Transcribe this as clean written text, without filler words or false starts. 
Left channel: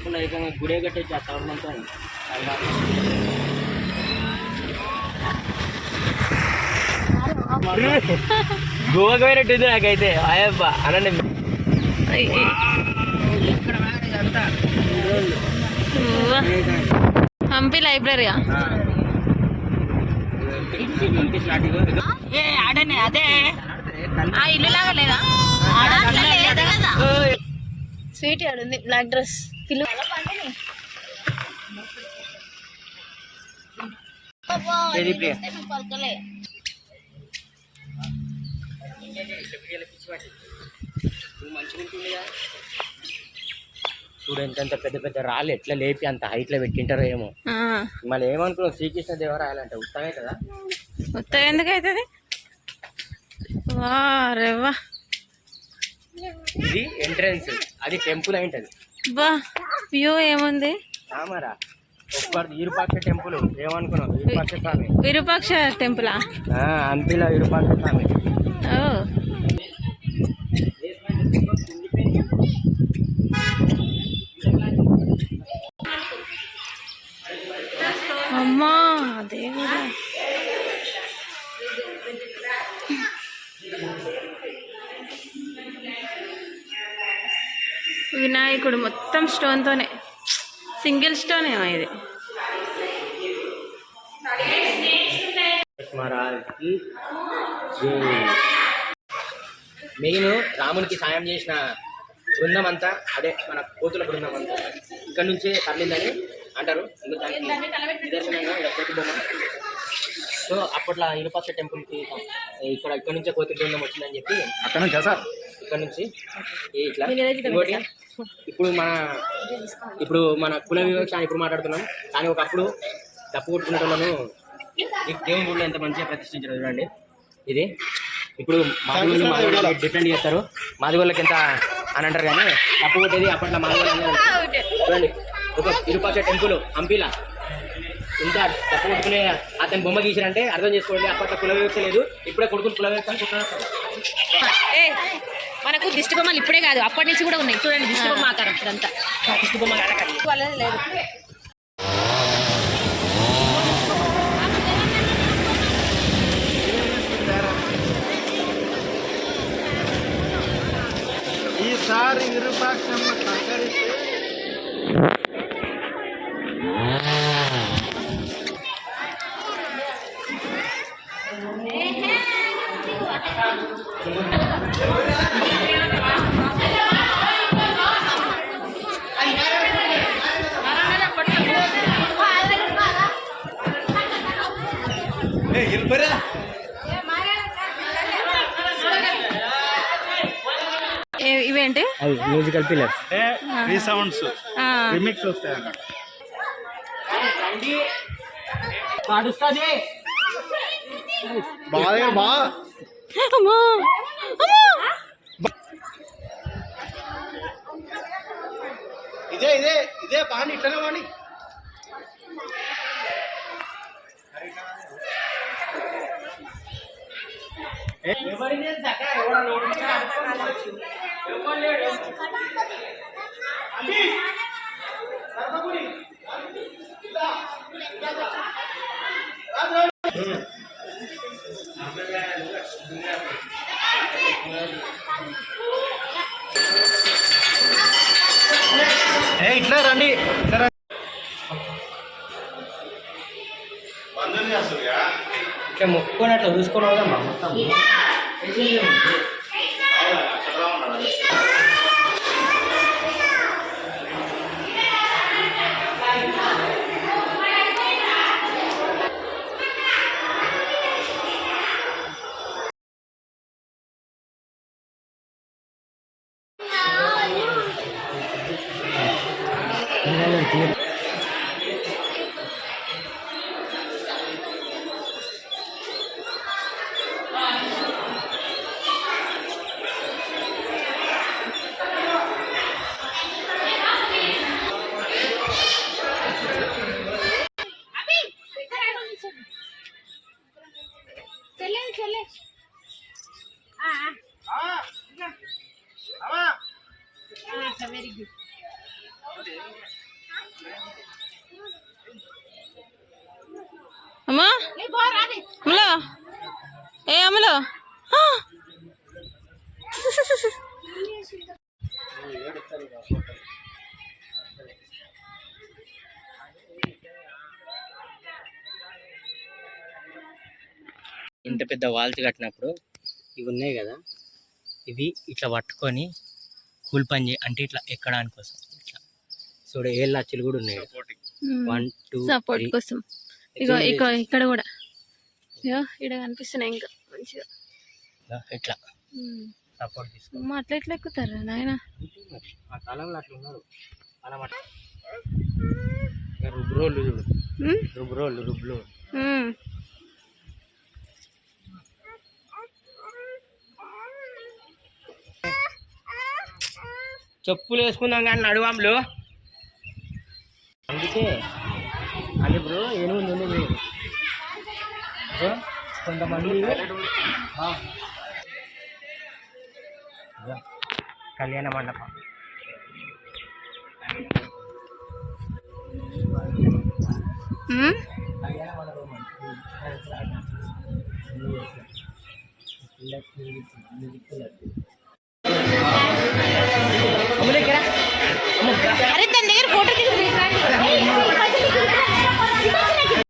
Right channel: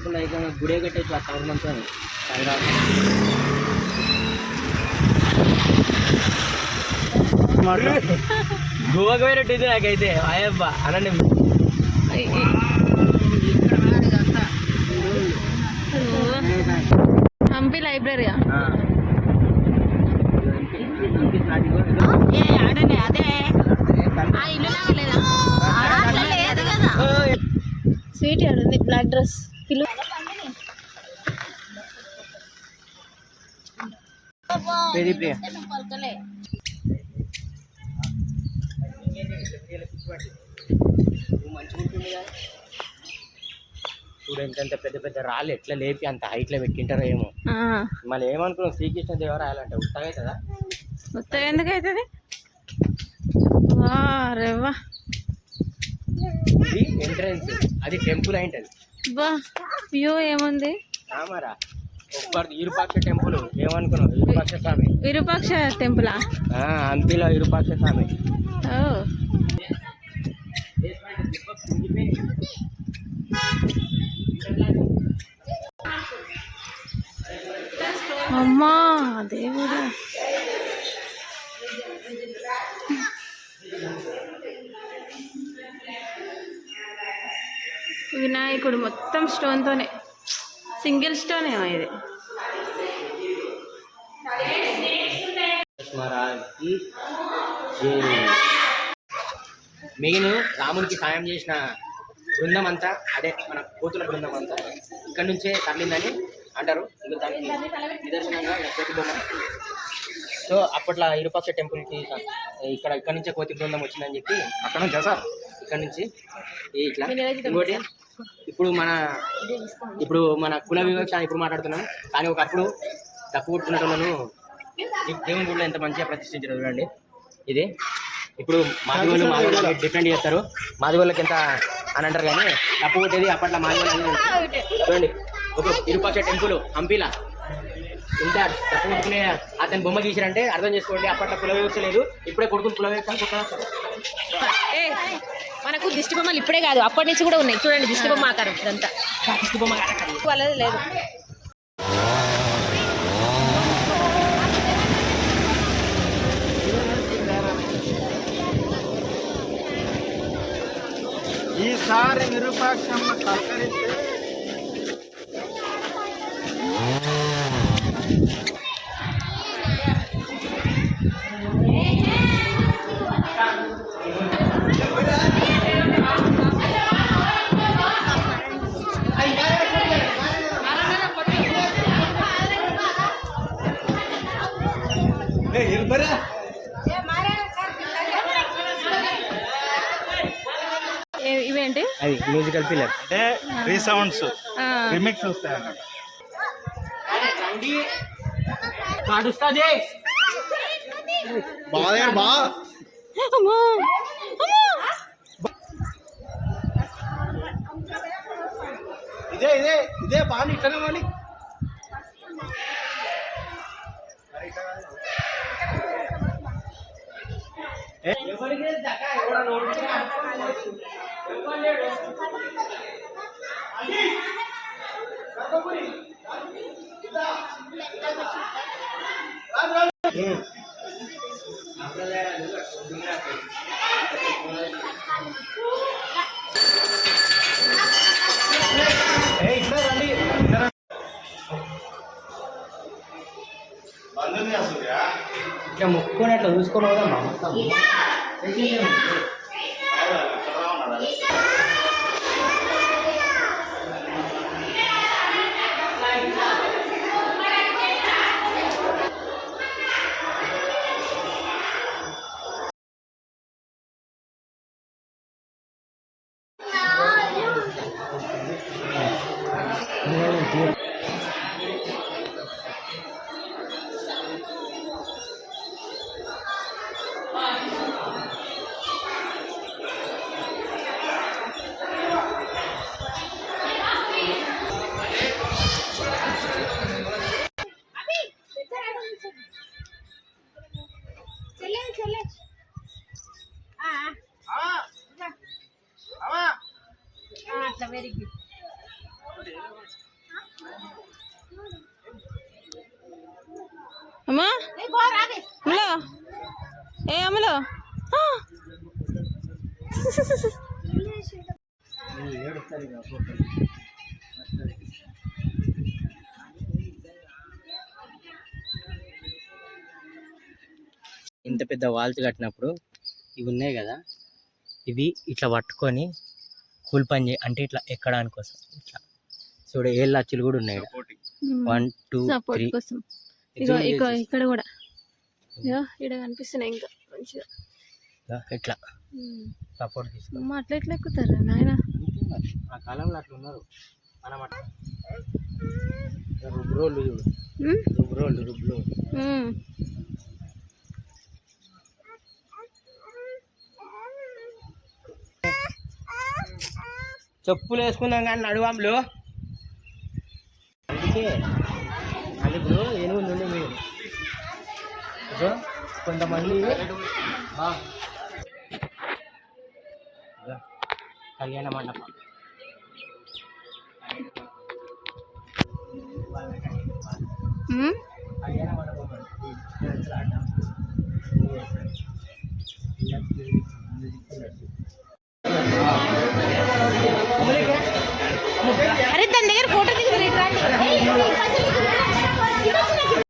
అనుకోకుండా ఏకంగా గుడే కట్టేసి ఆ సంవత్సరంతో గోవాకి పోయినట్టు ఇది నాకైతే ఆయబ్బా అనండి. హంపి లైబ్రరీయా? అదే స్వీట్ ఆడుంది బ్లాక్ డ్రెస్ పిల్లు. చూడు ఎంత పెద్ద పెద్ద రాళ్ళు ఎట్లా లేపి అంత హైట్ లో పెట్టింటారో ఏమో. మళ్ళీ ఏమనుకున్నాం శ్రీకృష్ణ దేవరాయలంటే ఉత్తగా కదా. ఉత్తగా ఎందుకు అవుతుంది? వారేవా ఇది ఎంట్రన్స్, అది టెంపుల్ అయింటది. బా వ్యూ ఏముంది? రామారా విరూపాక్ష టెంపుల్ ఏమనుకున్నావు? విరూపాక్ష స్వామి. విరూపాక్ష టెంపులా? హంపిలో విరూపాక్ష స్వామి. అమ్మా దేవుడా, వినాయకుడు మొత్తం స్టోన్తోనే, సింగిల్ స్టోన్ ఏమో ఇది. మెయిన్ రామునికి సాయం చేసిన బృందం అంతా అదే మన కోతుల బృందం అంతా ఇక్కడ నుంచే తరలిందని అంటారు. ఇంకా దానికి నిదర్శనంగా ఇక్కడ కోతి బొమ్మ. సో అప్పట్లో విరూపాక్ష టెంపుల్కి ఇక్కడ నుంచే కోతి బృందం వచ్చిందని చెప్పి అక్కడ నుంచి సార్ ఇక్కడ నుంచి ఇట్లా. ఇంకోటి ఇప్పుడు మన కుల వివక్ష ఇప్పుడు మాట్లాడుతున్నాం, కానీ ఒకప్పుడు తప్పు కొట్టుకునేటోళ్ళను దేవుని గుడిలో ఎంత మంచిగా ప్రతిష్ఠించారు చూడండి. ఇది ఇప్పుడు మాదిగోళ్ళు డిఫెండ్ చేస్తారు, మాదిగోళ్ళకి ఎంత అని అంటారు, కానీ తప్పు కొట్టేది అప్పట్లో మాదిగోళ్ళు చూడండి. ఒక విరూపాక్ష టెంపుల్ హంపిలా ఇంత తప్పు కొట్టుకునే అతని బొమ్మ గీసారంటే అర్థం చేసుకోండి, అప్పట్లో కుల వివక్ష లేదు, ఇప్పుడే కొడుకుని కుల వివక్ష అనుకుంటున్నారు. మనకు దిష్టి బొమ్మలు ఇప్పుడే కాదు, అప్పటి నుంచి కూడా ఉన్నాయి. చూడండి దిష్టి బొమ్మ ఆకారం ఇప్పుడంతా దిష్టి బొమ్మ ఆకారం వాళ్ళది లేదు. ఈసారి విరూపాక్షంలో సహకరిస్తే ఇవేంటి? అది మ్యూజికల్ పిల్లర్ రీసౌండ్స్ రిమిక్స్ వస్తాయి అన్నమాట. ఇదే ఇదే ఇదే బాగా ఇట్లనే కానీ ఇట్లా రండి, ఇట్లా మొక్కుకొని అట్లా చూసుకొని పోదామా మొత్తం. అట్లా వెరీ గుడ్. అమ్మా అమలో ఏ అమలో ఆ! ఇంత పెద్ద వాల్స్ కట్టినప్పుడు ఇవి ఉన్నాయి కదా, ఇవి ఇట్లా పట్టుకొని కూల్ పని అంటే ఇట్లా ఎక్కడానికి కోసం ఇట్లా చూడ ఏళ్ళ అచ్చులు కూడా ఉన్నాయి. 1 2 సపోర్ట్ 3 కోసం ఇగో ఇగో ఇక్కడ కూడా ఇగో ఇక్కడ కనిపిస్తున్నాయి ఇంకా మంచిగా. ఇట్లా సపోర్ట్ తీసుకో. అమ్మ అట్లా ఎట్లా ఎక్కుతారా నాయన? ఆ కాలంలో అట్లా ఉన్నారు. మనం అట్లా రుబ్రోళ్ళు చూడు, రుబ్లో చెప్పులు వేసుకుందాం కానీ నడువాములు. అందుకే అంటే ఇప్పుడు ఏనుగు కొంతమంది కళ్యాణ మండపం కళ్యాణ మండపం అంటే